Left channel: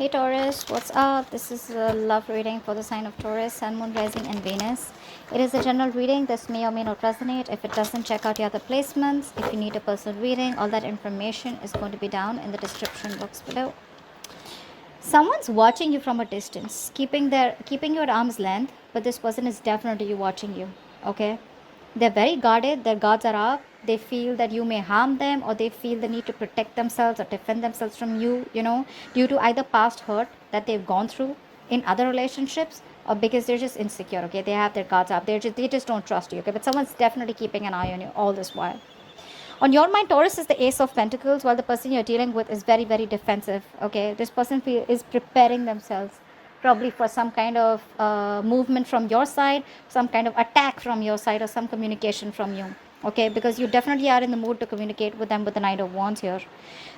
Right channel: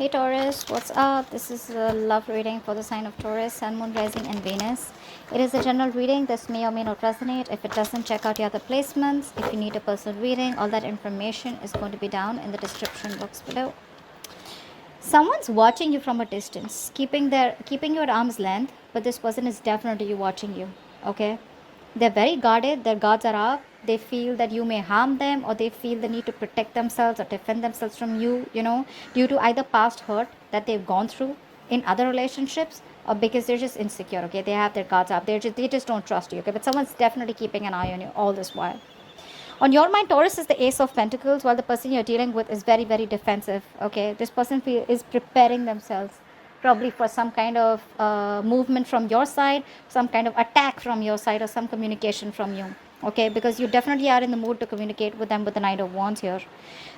Hey Taurus, what's up? This is a love reading for the sign of Taurus, Sun, Moon, Rising, and Venus. It is a general reading. This may or may not resonate. If it doesn't, check out the other placements. If you need a personal reading, all that information is going to be down in the description box below. Someone's watching you from a distance, keeping you at arm's length, but this person is definitely watching you. Okay? They're very guarded, their guards are up, they feel that you may harm them, or they feel the need to protect themselves or defend themselves from you, due to either past hurt that they've gone through in other relationships, or because they're just insecure. Okay, they have their guards up, they just don't trust you. Okay, but someone's definitely keeping an eye on you all this while. On your mind, Taurus is the Ace of Pentacles, while the person you're dealing with is very, very defensive. Okay, this person is preparing themselves probably for some kind of movement from your side, some kind of attack from your side, or some communication from you. Okay, because you definitely are in the mood to communicate with them with the Knight of Wands here.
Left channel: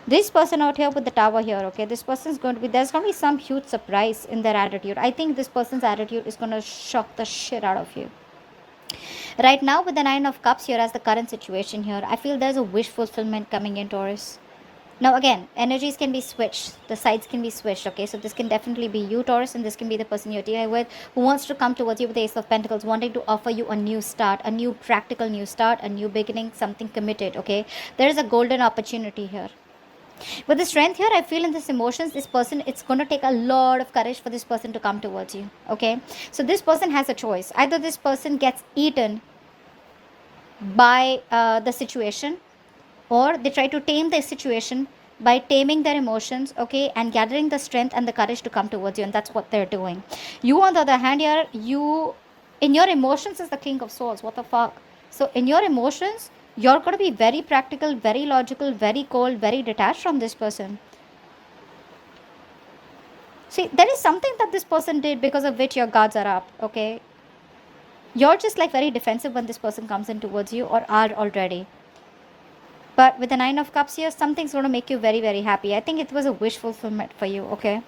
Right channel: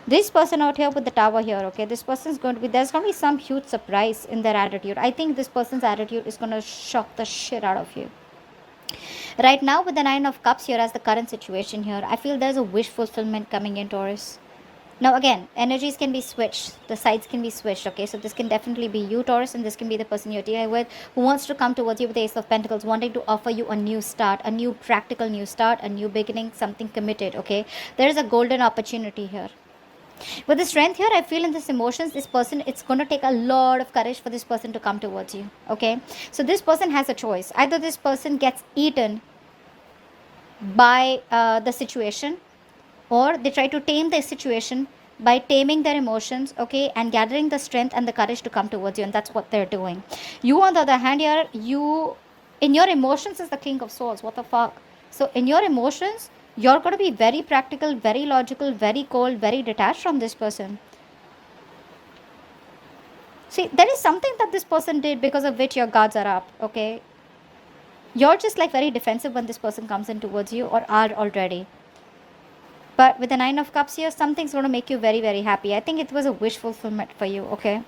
This person out here with the Tower here, okay, this person's going to be, there's going to be some huge surprise in their attitude. I think this person's attitude is going to shock the shit out of you. Right now, with the Nine of Cups here as the current situation here, I feel there's a wish fulfillment coming in, Taurus. Now, again, energies can be switched. The sides can be switched, okay? So this can definitely be you, Taurus, and this can be the person you're dealing with who wants to come towards you with the Ace of Pentacles, wanting to offer you a new start, a new practical new start, a new beginning, something committed, okay? There is a golden opportunity here. With the strength here, I feel in this emotions, this person, it's going to take a lot of courage for this person to come towards you, okay? So this person has a choice. Either this person gets eaten by the situation, or they try to tame their situation by taming their emotions, okay, and gathering the strength and the courage to come towards you, and that's what they're doing. You, on the other hand, here, you, in your emotions, is the King of Swords. What the fuck? So in your emotions, you're going to be very practical, very logical, very cold, very detached from this person. See, there is something that this person did because of which your guards are up, okay? You're just like very defensive when this person comes in towards you, or are already. But with the Nine of Cups here, something's going to make you very, very happy. I think it was a wish fulfillment for you, okay?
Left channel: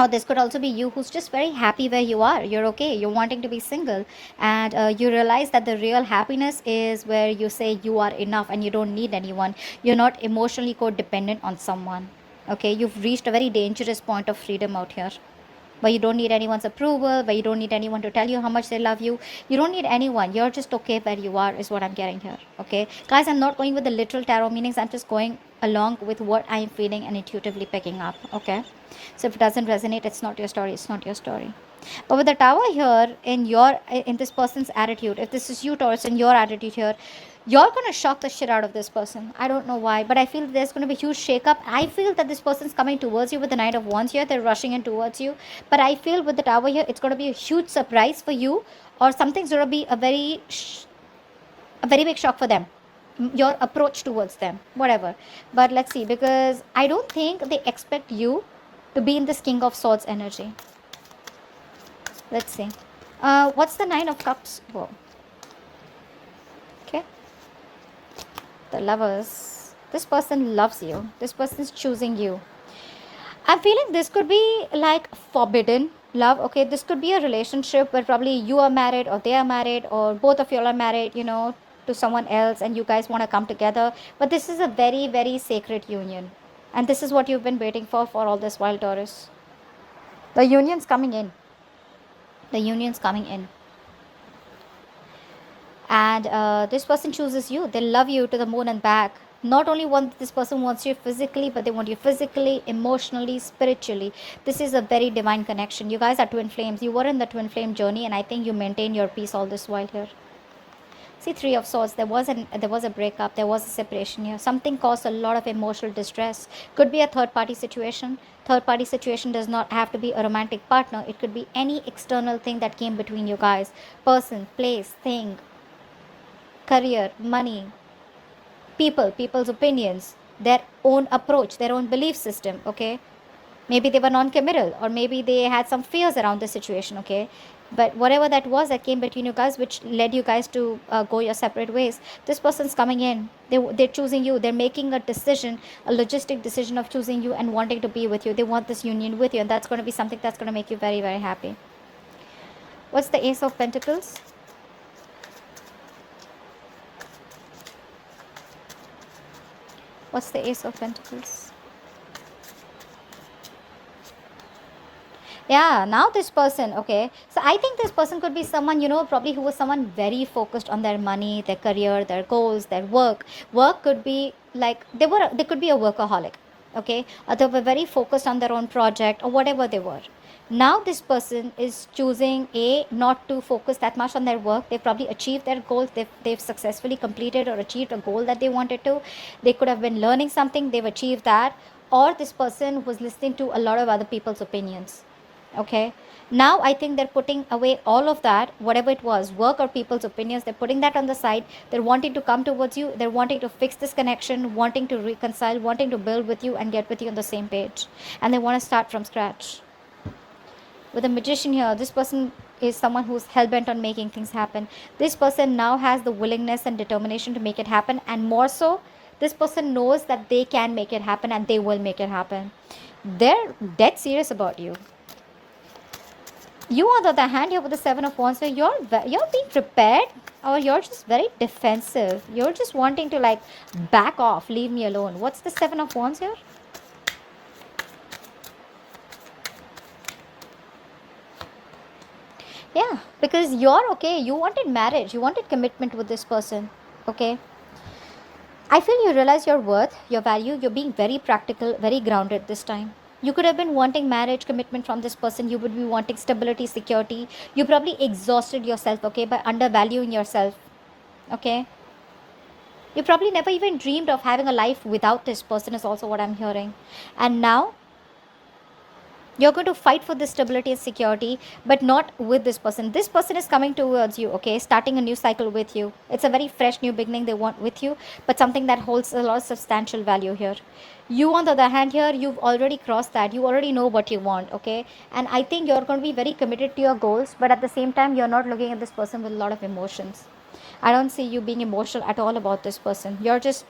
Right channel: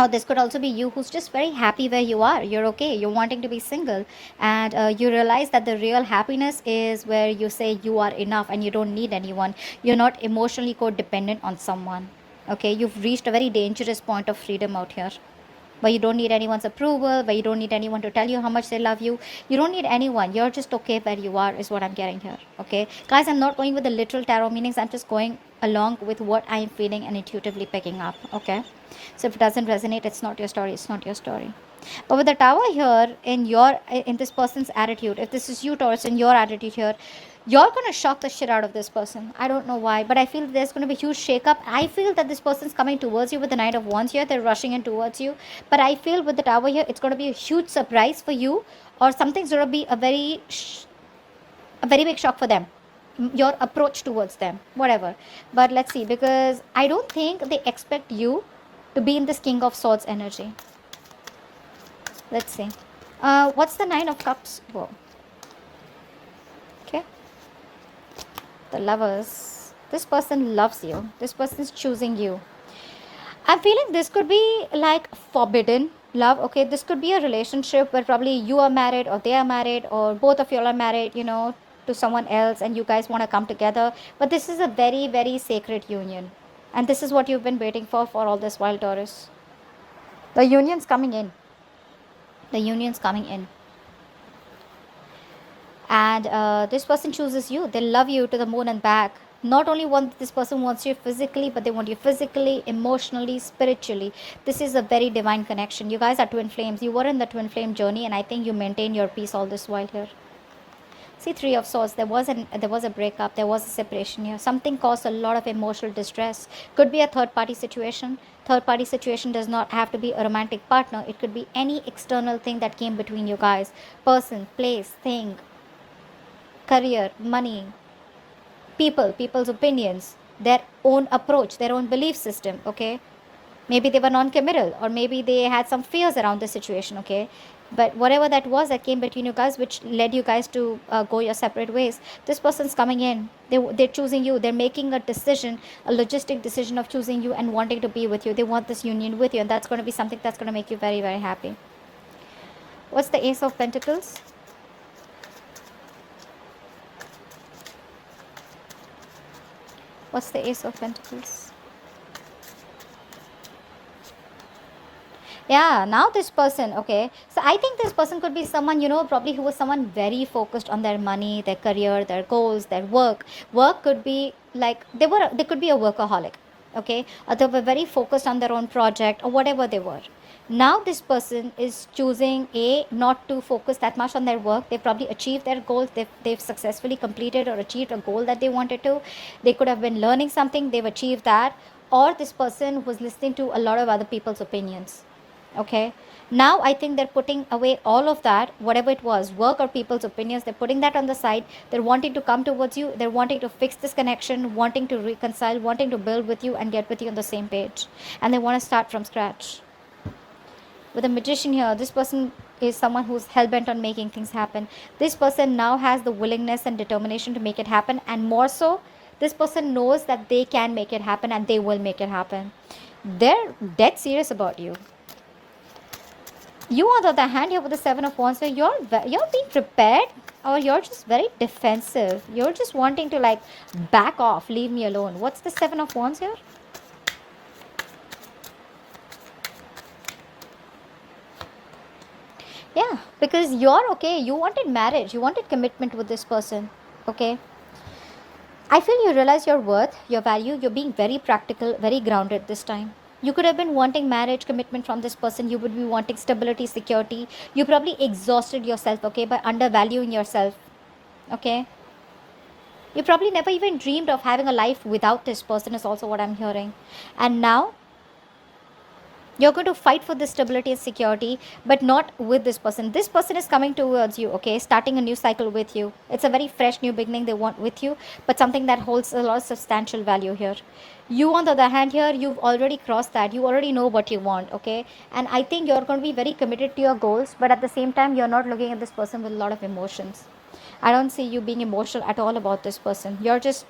Or this could also be you who's just very happy where you are. You're okay. You're wanting to be single. And you realize that the real happiness is where you say you are enough and you don't need anyone. You're not emotionally codependent on someone. Okay? You've reached a very dangerous point of freedom out here, where you don't need anyone's approval, where you don't need anyone to tell you how much they love you. You don't need anyone. You're just okay where you are, is what I'm getting here. Okay, guys, I'm not going with the literal tarot meanings. I'm just going along with what I'm feeling and intuitively picking up. Okay, so if it doesn't resonate, it's not your story. It's not your story. But with the Tower here, in this person's attitude, if this is you, Taurus, in your attitude here, you're going to shock the shit out of this person. I don't know why, but I feel there's going to be a huge shake-up. I feel that this person's coming towards you with the Knight of Wands here. They're rushing in towards you. But I feel with the Tower here, it's going to be a huge surprise for you, or something's going to be a very big shock for them. Your approach towards them, whatever. But let's see, because I don't think they expect you to be in this King of Swords energy. Let's see. What's the Nine of Cups? Whoa. Okay. The Lovers. This person loves you. This person is choosing you. I'm feeling this could be like forbidden love. Okay, this could be a relationship where probably you are married, or they are married, or both of you are married, to someone else, and you guys want to come together. But this is a very, very sacred union. And this is what you've been waiting for all this while, Taurus. The union's coming in. The union's coming in. And this person chooses you. They love you to the moon and back. Not only this person wants you physically, but they want you physically, emotionally, spiritually. This is a very divine connection. You guys are twin flames. You were in the twin flame journey, and I think you maintain your peace all this while here. See, Three of Swords. There was a breakup. There was a separation here. Something caused a lot of emotional distress. Could be a third-party situation. Third-party situation does not have to be a romantic partner. It could be any external thing that came between you guys. Person, place, thing, career, money, people's opinions, their own approach, their own belief system. Okay, maybe they were non-committal, or maybe they had some fears around the situation. Okay, but whatever that was that came between you guys, which led you guys to go your separate ways, this person's coming in. They're choosing you. They're making a decision, a logistic decision of choosing you and wanting to be with you. They want this union with you, and that's going to be something that's going to make you very, very happy. What's the Ace of Pentacles? What's the Ace of Pentacles? Yeah, now this person, okay. So I think this person could be someone, probably who was someone very focused on their money, their career, their goals, their work. Work could be like they could be a workaholic, okay, or they were very focused on their own project or whatever they were. Now this person is choosing not to focus that much on their work. They probably achieved their goals. They've successfully completed or achieved a goal that they wanted to. They could have been learning something. They've achieved that. Or this person was listening to a lot of other people's opinions. Okay, now I think they're putting away all of that, whatever it was, work or people's opinions. They're putting that on the side. They're wanting to come towards you. They're wanting to fix this connection, wanting to reconcile, wanting to build with you and get with you on the same page. And they want to start from scratch. With a magician here, this person is someone who's hell-bent on making things happen. This person now has the willingness and determination to make it happen, and more so, this person knows that they can make it happen and they will make it happen. They're dead serious about you. You, on the other hand, you're with the Seven of Wands, so you're being prepared, or you're just very defensive. You're just wanting to like back off, leave me alone. What's the Seven of Wands here? Yeah, because you're okay. You wanted marriage, you wanted commitment with this person. Okay, I feel you realize your worth, your value. You're being very practical, very grounded this time. You could have been wanting marriage commitment from this person. You would be wanting stability, security. You probably exhausted yourself, okay, by undervaluing yourself. Okay. You probably never even dreamed of having a life without this person, is also what I'm hearing. And now you're going to fight for this stability and security, but not with this person. This person is coming towards you, okay, starting a new cycle with you. It's a very fresh new beginning they want with you, but something that holds a lot of substantial value here. You, on the other hand, here you've already crossed that. You already know what you want, okay, and I think you're going to be very committed to your goals, but at the same time you're not looking at this person with a lot of emotions. I don't see you being emotional at all about this person. You're just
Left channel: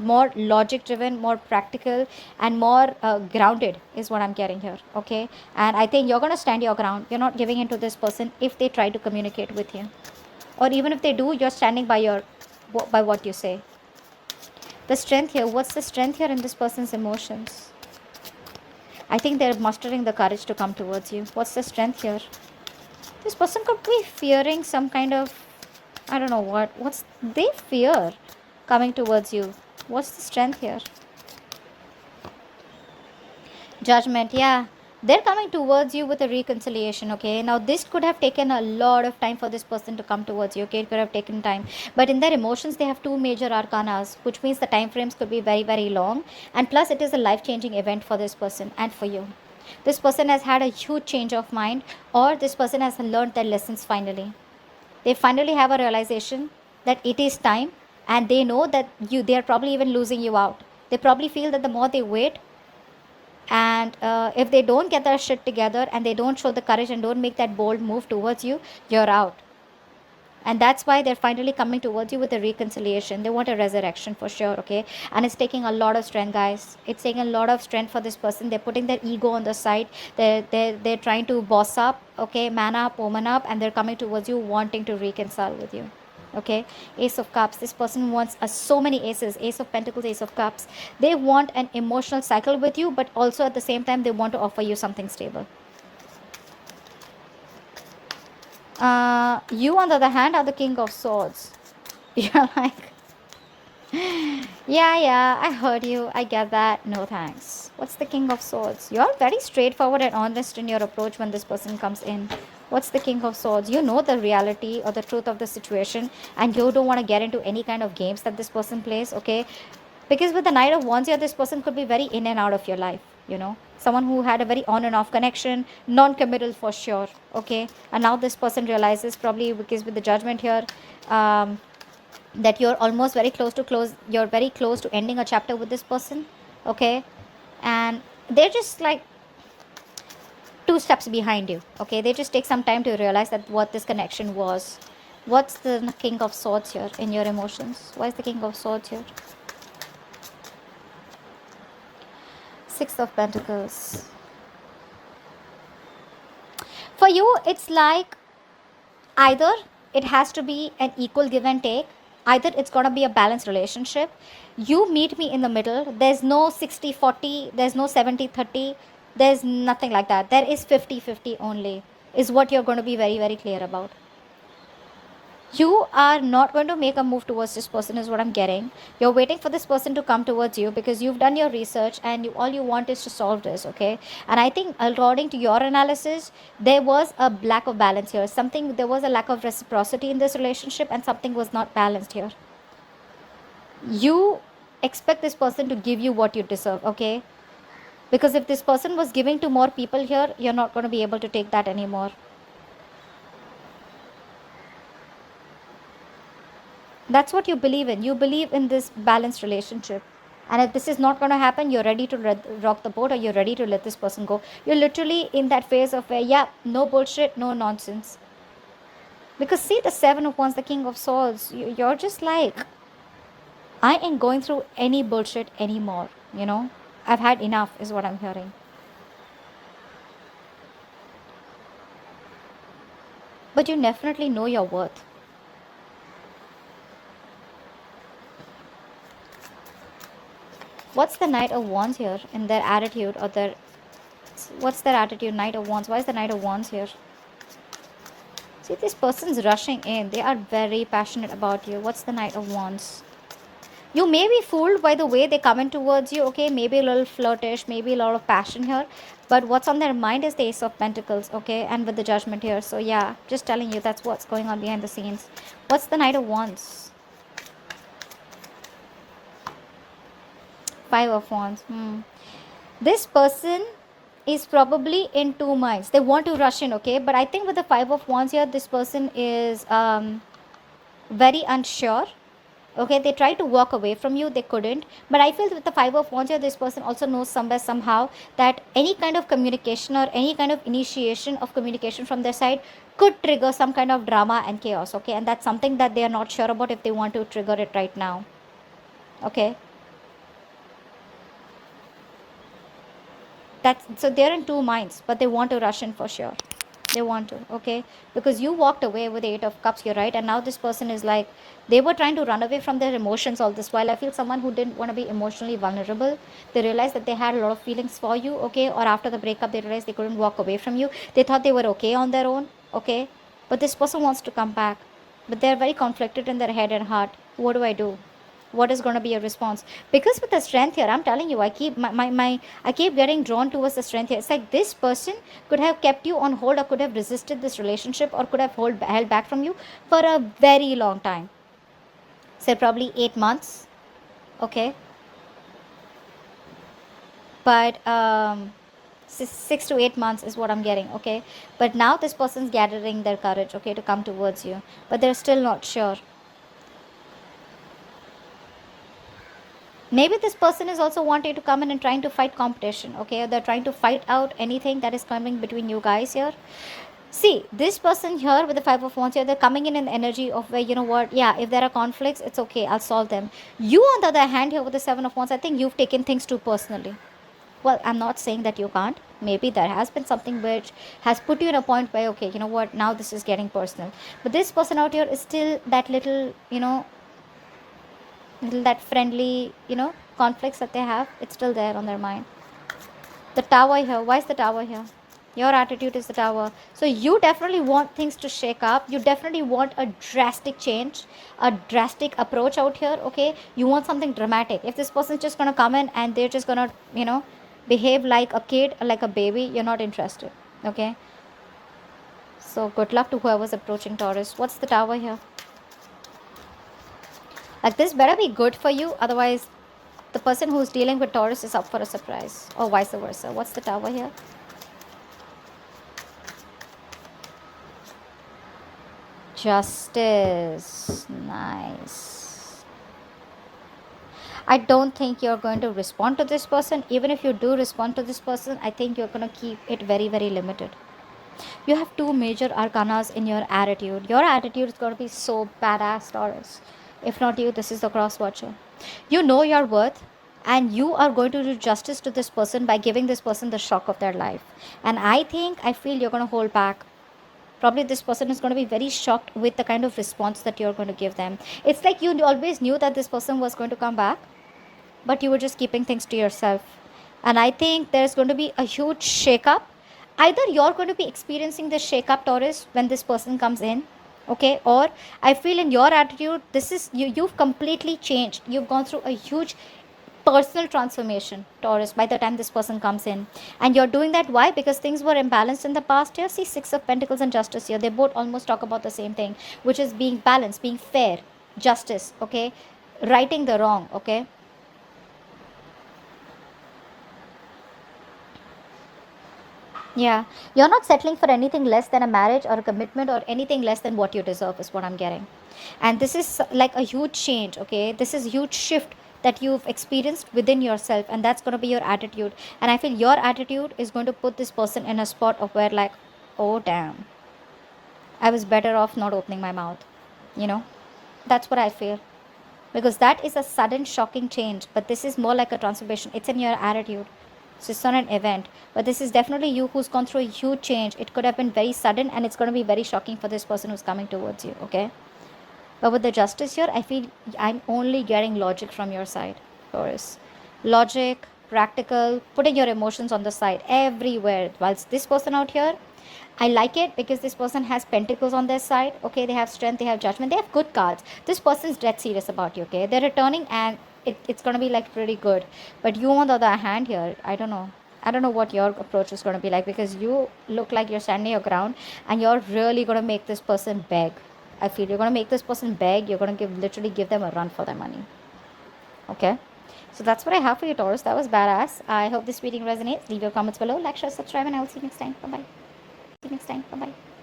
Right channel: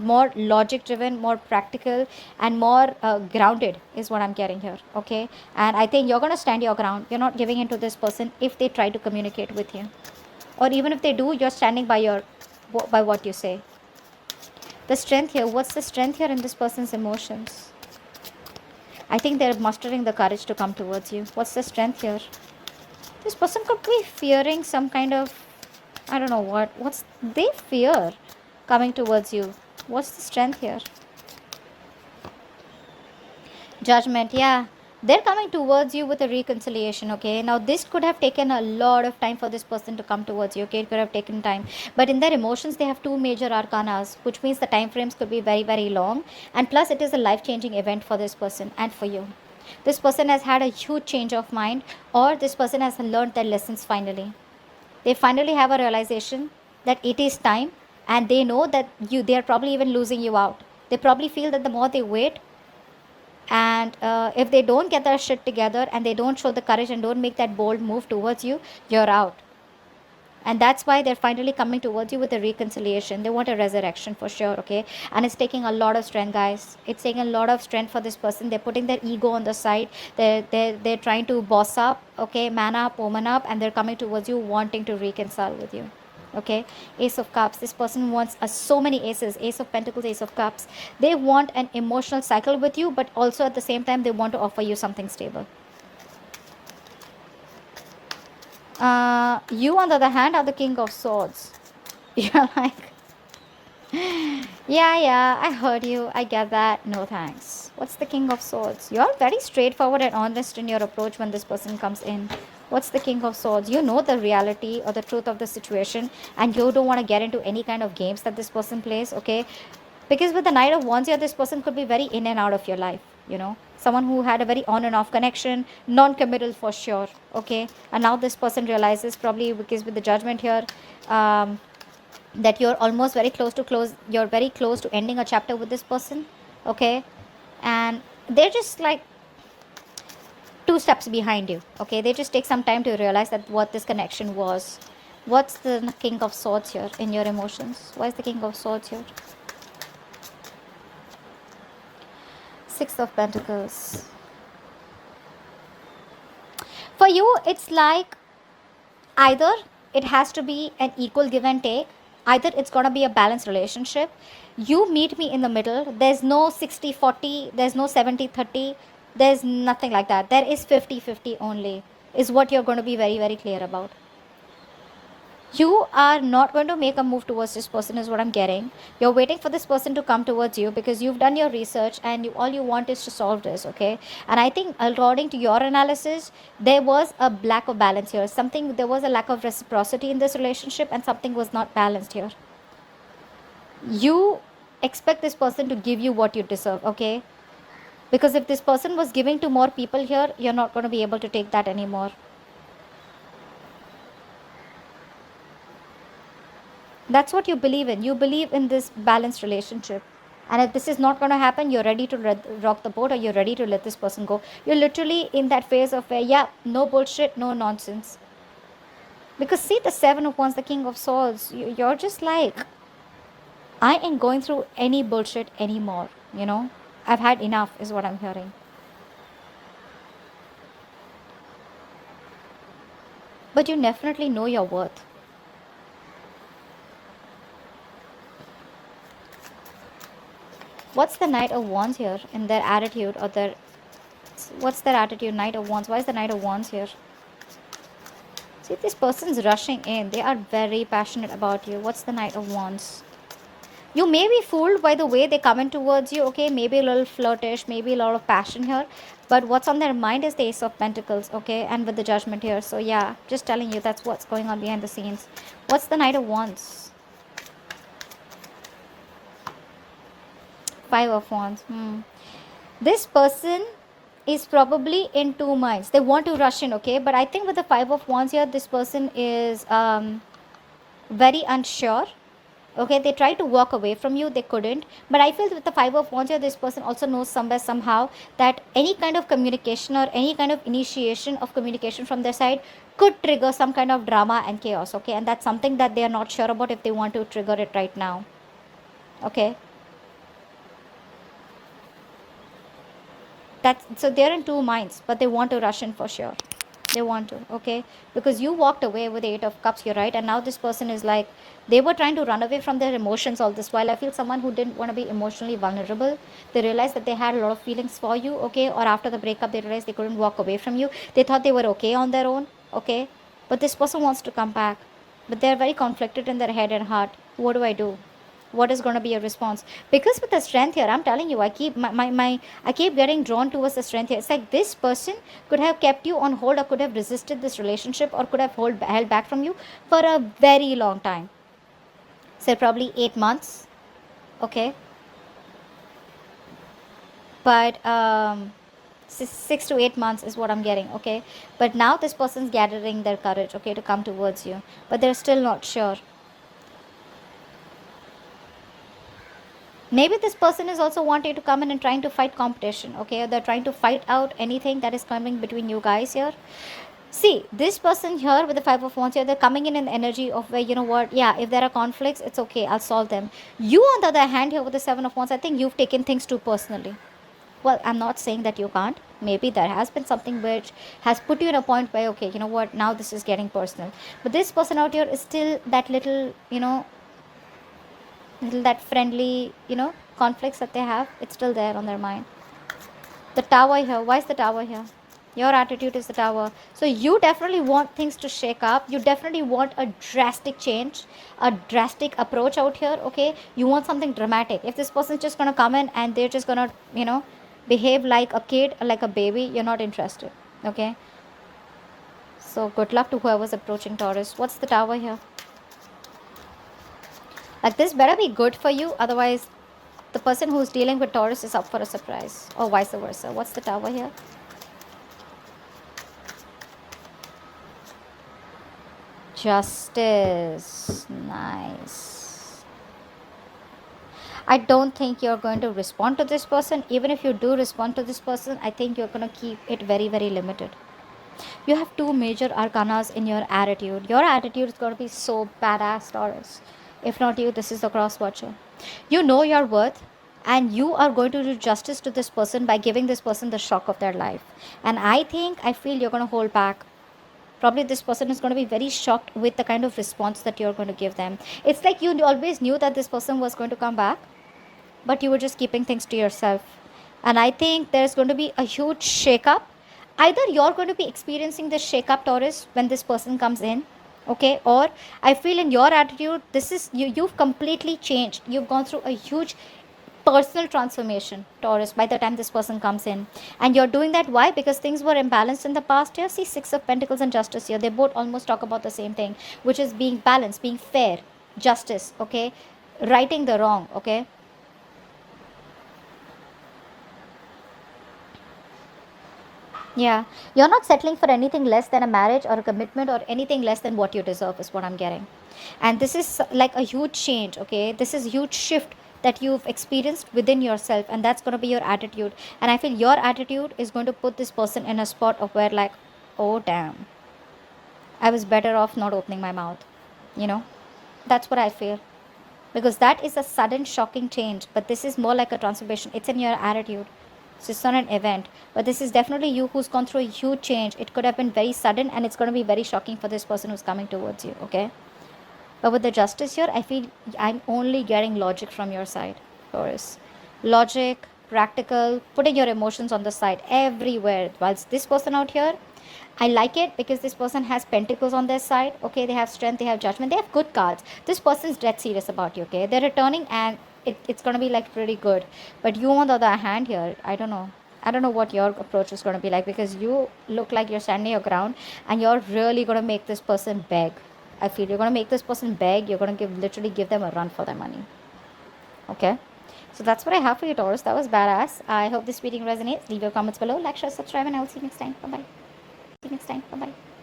more logic driven, more practical, and more grounded is what I'm getting here, okay. And I think you're going to stand your ground. You're not giving in to this person if they try to communicate with you, or even if they do, you're standing by what you say. The strength here, what's the strength here in this person's emotions? I think they're mustering the courage to come towards you. What's the strength here? This person could be fearing some kind of, I don't know what's they fear coming towards you. What's the strength here? Judgment, yeah. They're coming towards you with a reconciliation, okay. Now this could have taken a lot of time for this person to come towards you, okay. It could have taken time, but in their emotions they have two major arcanas, which means the time frames could be very, very long, and plus it is a life-changing event for this person and for you. This person has had a huge change of mind, or this person has learned their lessons finally. They finally have a realization that it is time, and they know that they are probably even losing you out. They probably feel that the more they wait, and if they don't get their shit together and they don't show the courage and don't make that bold move towards you, you're out. And that's why they're finally coming towards you with a reconciliation. They want a resurrection for sure, okay. And it's taking a lot of strength, guys. It's taking a lot of strength for this person. They're putting their ego on the side. They're trying to boss up, okay, man up, woman up, and they're coming towards you wanting to reconcile with you, okay. Ace of Cups, this person wants so many aces. Ace of Pentacles, Ace of Cups. They want an emotional cycle with you, but also at the same time they want to offer you something stable. You, on the other hand, are the King of Swords. Yeah, yeah, I heard you. I get that. No thanks. What's the King of Swords? You're very straightforward and honest in your approach when this person comes in. What's the King of Swords? You know the reality or the truth of the situation, and you don't want to get into any kind of games that this person plays, okay? Because with the Knight of Wands here, this person could be very in and out of your life, someone who had a very on and off connection, non-committal for sure, okay. And now this person realizes, probably because with the Judgment here, that you're almost you're very close to ending a chapter with this person, okay. And they're just like 2 steps behind you, okay. They just take some time to realize that what this connection was. What's the King of Swords here in your emotions? Why is the King of Swords here? Six of Pentacles. For you, it's like either it has to be an equal give and take, either it's going to be a balanced relationship. You meet me in the middle. There's no 60-40, there's no 70-30. There's nothing like that. There is 50-50 only, is what you're going to be very, very clear about. You are not going to make a move towards this person, is what I'm getting. You're waiting for this person to come towards you because you've done your research and all you want is to solve this, okay? And I think, according to your analysis, there was a lack of balance here. There was a lack of reciprocity in this relationship, and something was not balanced here. You expect this person to give you what you deserve, okay? Because if this person was giving to more people here, you're not going to be able to take that anymore. That's what you believe in. You believe in this balanced relationship. And if this is not going to happen, you're ready to rock the boat, or you're ready to let this person go. You're literally in that phase of, yeah, no bullshit, no nonsense. Because see, the Seven of Wands, the King of Swords, you're just like, I ain't going through any bullshit anymore, you know? I've had enough, is what I'm hearing. But you definitely know your worth. What's the Knight of Wands here in their attitude, or their... What's their attitude, Knight of Wands? Why is the Knight of Wands here? See, this person's rushing in. They are very passionate about you. What's the Knight of Wands? You may be fooled by the way they come in towards you, okay? Maybe a little flirtish, maybe a lot of passion here. But what's on their mind is the Ace of Pentacles, okay? And with the Judgment here. So yeah, just telling you, that's what's going on behind the scenes. What's the Knight of Wands? Five of Wands. This person is probably in two minds. They want to rush in, okay? But I think with the Five of Wands here, this person is very unsure. Okay, they tried to walk away from you, they couldn't. But I feel with the Five of Wands here, this person also knows somewhere, somehow, that any kind of communication or any kind of initiation of communication from their side could trigger some kind of drama and chaos, okay? And that's something that they are not sure about if they want to trigger it right now, okay? So they're in two minds, but they want to rush in for sure. They want to, okay? Because you walked away with the Eight of Cups here, right? And now this person is like, they were trying to run away from their emotions all this while. I feel someone who didn't want to be emotionally vulnerable. They realized that they had a lot of feelings for you, okay? Or after the breakup, they realized they couldn't walk away from you. They thought they were okay on their own, okay? But this person wants to come back. But they're very conflicted in their head and heart. What do I do? What is going to be a response? Because with the Strength here, I'm telling you, I keep I keep getting drawn towards the Strength here. It's like this person could have kept you on hold, or could have resisted this relationship, or could have held back from you for a very long time. Say probably 8 months, okay? But 6 to 8 months is what I'm getting, okay? But now this person's gathering their courage, okay, to come towards you, but they're still not sure. Maybe this person is also wanting to come in and trying to fight competition, okay? They're trying to fight out anything that is coming between you guys here. See, this person here with the Five of Wands here, they're coming in the energy of where, you know what, yeah, if there are conflicts, it's okay, I'll solve them. You, on the other hand, here with the Seven of Wands, I think you've taken things too personally. Well, I'm not saying that you can't. Maybe there has been something which has put you in a point where, okay, you know what, now this is getting personal. But this person out here is still that little, you know, that friendly, you know, conflicts that they have, it's still there on their mind. The Tower here, why is the Tower here? Your attitude is the Tower. So you definitely want things to shake up. You definitely want a drastic change, a drastic approach out here, okay? You want something dramatic. If this person's just gonna come in and they're just gonna, you know, behave like a kid, like a baby, you're not interested, okay? So good luck to whoever's approaching Taurus. What's the Tower here? Like, this better be good for you, otherwise the person who's dealing with Taurus is up for a surprise, or vice versa. What's the Tower here? Justice. Nice. I don't think you're going to respond to this person. Even if you do respond to this person, I think you're going to keep it very, very limited. You have two major arcanas in your attitude. Your attitude is going to be so badass, Taurus. If not you, this is the cross watcher. You know your worth, and you are going to do justice to this person by giving this person the shock of their life. And I feel you're going to hold back. Probably this person is going to be very shocked with the kind of response that you're going to give them. It's like you always knew that this person was going to come back, but you were just keeping things to yourself. And I think there's going to be a huge shakeup. Either you're going to be experiencing this shakeup, Taurus, when this person comes in, okay? Or I feel in your attitude, this is you. You've completely changed. You've gone through a huge personal transformation, Taurus, by the time this person comes in. And you're doing that. Why? Because things were imbalanced in the past. Here, see, Six of Pentacles and Justice here. They both almost talk about the same thing, which is being balanced, being fair, justice, okay? Righting the wrong, okay? Yeah, you're not settling for anything less than a marriage or a commitment or anything less than what you deserve, is what I'm getting. And this is like a huge change, okay? This is a huge shift that you've experienced within yourself, and that's going to be your attitude. And I feel your attitude is going to put this person in a spot of where, like, oh, damn, I was better off not opening my mouth, you know? That's what I feel. Because that is a sudden, shocking change, but this is more like a transformation. It's in your attitude. So it's not an event, but this is definitely you who's gone through a huge change. It could have been very sudden, and it's going to be very shocking for this person who's coming towards you, okay? But with the justice here, I feel I'm only getting logic from your side, Taurus. Logic, practical, putting your emotions on the side everywhere. Whilst this person out here, I like it because this person has pentacles on their side. Okay, they have strength, they have judgment, they have good cards. This person's dead serious about you. Okay, they're returning, and it's gonna be like pretty good. But you, on the other hand, here, I don't know. I don't know what your approach is going to be like, because you look like you're standing your ground and you're really going to make this person beg. I feel you're going to make this person beg. You're going to literally give them a run for their money. Okay. So that's what I have for you, Taurus. That was badass. I hope this reading resonates. Leave your comments below. Like, share, subscribe, and I will see you next time. Bye bye. See you next time. Bye bye.